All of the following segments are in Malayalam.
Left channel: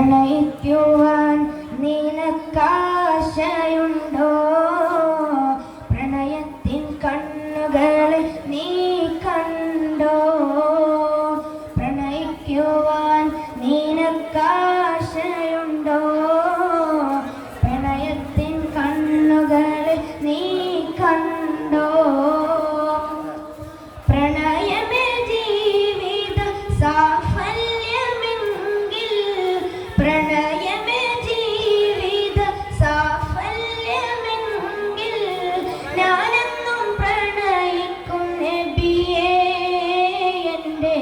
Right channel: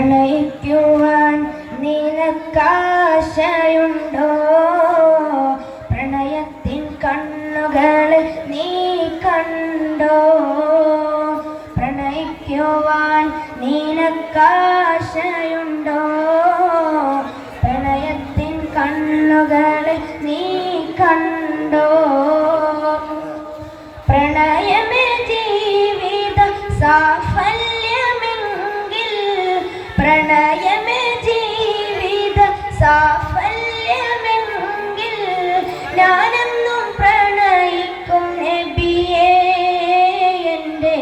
പ്രണയിക്കുവാൻ നിനക്കാശയുണ്ടോ? പ്രണയത്തിൻ കണ്ണുകളെ നീ കണ്ടോ? പ്രണയിക്കുവാൻ നിനക്കാശയുണ്ടോ? പ്രണയത്തിൻ കണ്ണുകളെ നീ കണ്ടോ? പ്രണയമേ ജീവിത സാഫല്യമെങ്കിൽ, പ്രണയമേ ജീവിത സാഫല്യമെങ്കിൽ, ഞാനെന്നും പ്രണയിക്കും നബിയേ. എൻ്റെ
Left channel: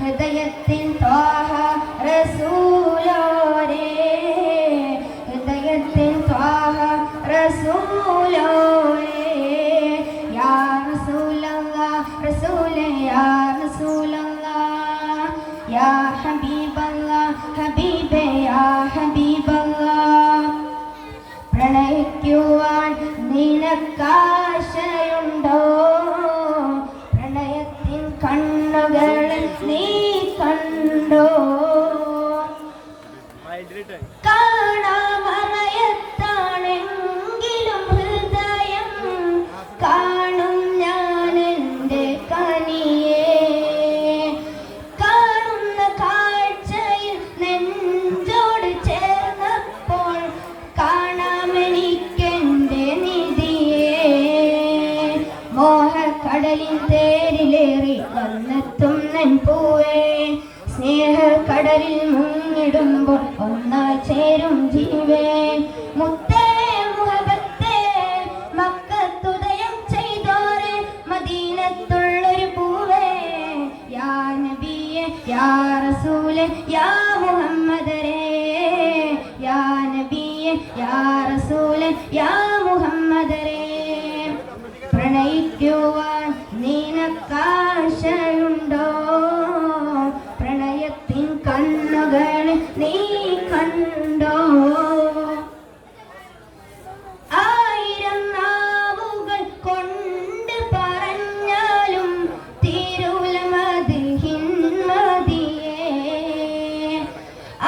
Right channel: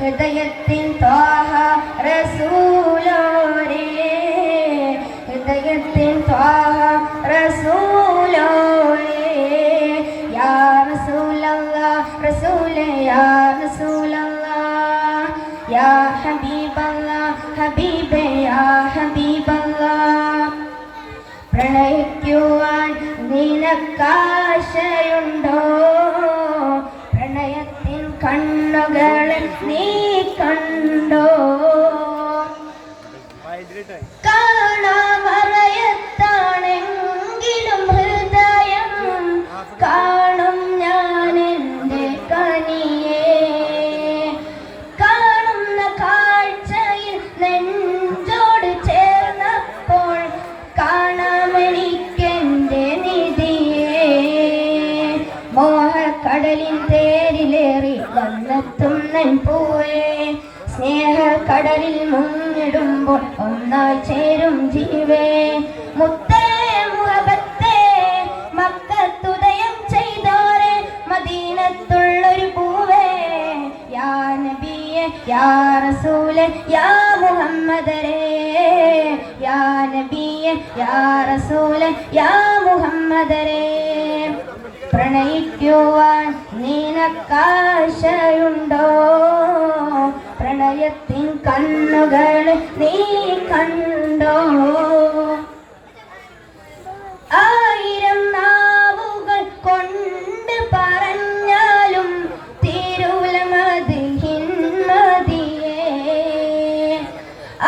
ഹൃദയത്തിൻ ത്വാഹ റസൂലോരേ, ഹൃദയത്തിൻ ത്വാഹ റസൂലോരേ. യാ റസൂലല്ലാഹ് റസൂലേ, യാ റസൂലല്ലാഹ്, യാ ഹബീബല്ലാഹ് ഹബീബേ, യാ ഹബീബല്ലാഹ്. പ്രണയിക്കുവാൻ നിനക്കാശയുണ്ടോ? പ്രണയത്തിൻ കണ്ണുകളെ നീ കണ്ടോ? കാണാമറയത്താണെങ്കിലും ഹൃദയം കാണും ഞാൻ എൻ്റെ കനിയെ. കാണുന്ന കാഴ്ചയിൽ നെഞ്ചോട് ചേർന്നപ്പോൾ കാണാമെനിക്കെൻ്റെ നിധിയെ. മോഹക്കടലിൻ തേരിലേറി വന്നെത്തും നെൻപൂവേ, സ്നേഹക്കടലിൽ മുങ്ങിടുമ്പോൾ ഒന്നായി ചേരും ജീവേ. മുത്തേ മുഹബത്തേ മക്കത്തുദയം ചെയ്തോരെ, മദീനത്തുള്ളൊരു പൂവേ. യാ നബിയേ യാ റസൂലേ യാ മുഹമ്മദരേ, യാ നബിയേ യാ റസൂലേ യാ മുഹമ്മദരേ. പ്രണയിക്കുവാൻ നിനക്കാശയുണ്ടോ? പ്രണയത്തിൻ കണ്ണുകളെ നീ കണ്ടോ? ആയിരം നാവുകൾ കൊണ്ട് പറഞ്ഞാലും തീരൂല മദ്ഹിൻ നദിയേ.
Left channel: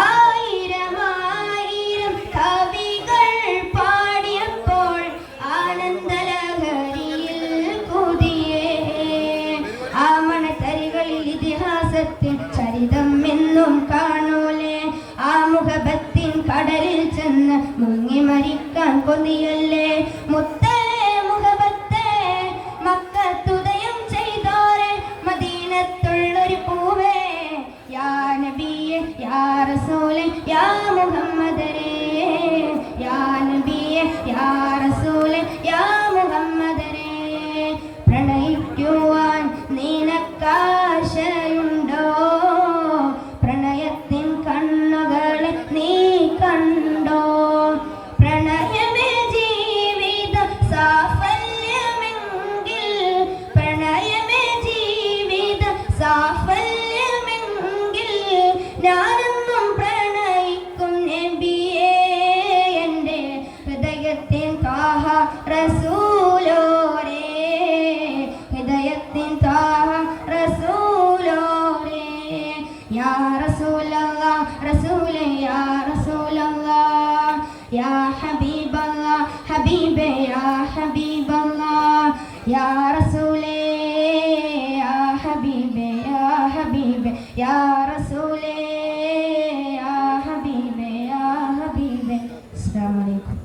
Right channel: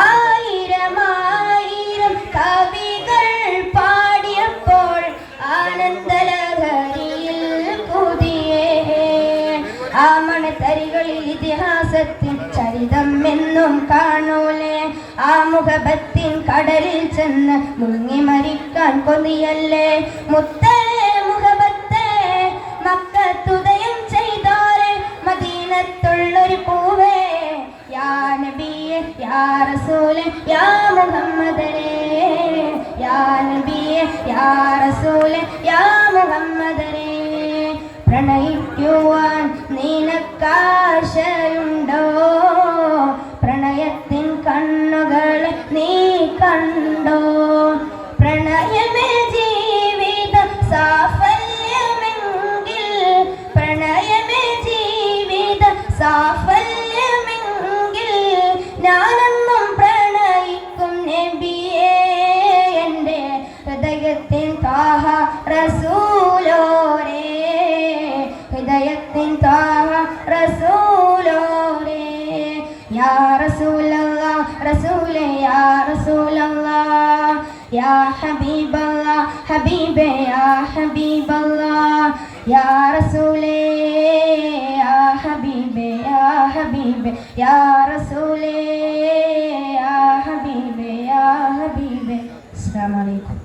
ആയിരം ആയിരം കവികൾ പാടിയപ്പോൾ ആനന്ദലഹരിയിൽ പുതിയേ. ആ മണത്തരികളിൽ ഇതിഹാസത്തിൻ ചരിതം എന്നും കാണൂലേ. ആ മുഹബത്തിൻ കടലിൽ ചെന്ന് മുങ്ങി മരിക്കാൻ കൊതിയല്ലേ. മുത്തേ മുഹബത്തേ മക്കത്തുദയം ചെയ്തോരെ, മദീനത്തുള്ളൊരു പൂവേ. യാ നബിയേ യാ റസൂലേ യാ മുഹമ്മദരേ, യാ നബിയേ യാ റസൂലേ യാ മുഹമ്മദരേ. പ്രണയിക്കുവാൻ നിനക്കാശയുണ്ടോ? പ്രണയത്തിൻ കണ്ണുകളെ നീ കണ്ടോ? പ്രണയമേ ജീവിത സാഫല്യമെങ്കിൽ, പ്രണയമേ ജീവിത സാഫല്യമെങ്കിൽ, ഞാനെന്നും പ്രണയിക്കും നബിയേ. എൻ്റെ ഹൃദയത്തിൻ ത്വാഹ റസൂലോരേ, ഹൃദയത്തിൻ ത്വാഹ റസൂലോരേ. യാ റസൂലല്ലാഹ് റസൂലേ, യാ റസൂലല്ലാഹ്, യാ ഹബീബല്ലാഹ് ഹബീബേ, യാ ഹബീബല്ലാഹ്, യാ റസൂലേ, യാ ഹബീബേ, യാ ഹബീബേ, യാ റസൂലേ, യാ ഹബീബേ, യാ ഹബീബേ. അസ്സലാമു അലൈക്കും.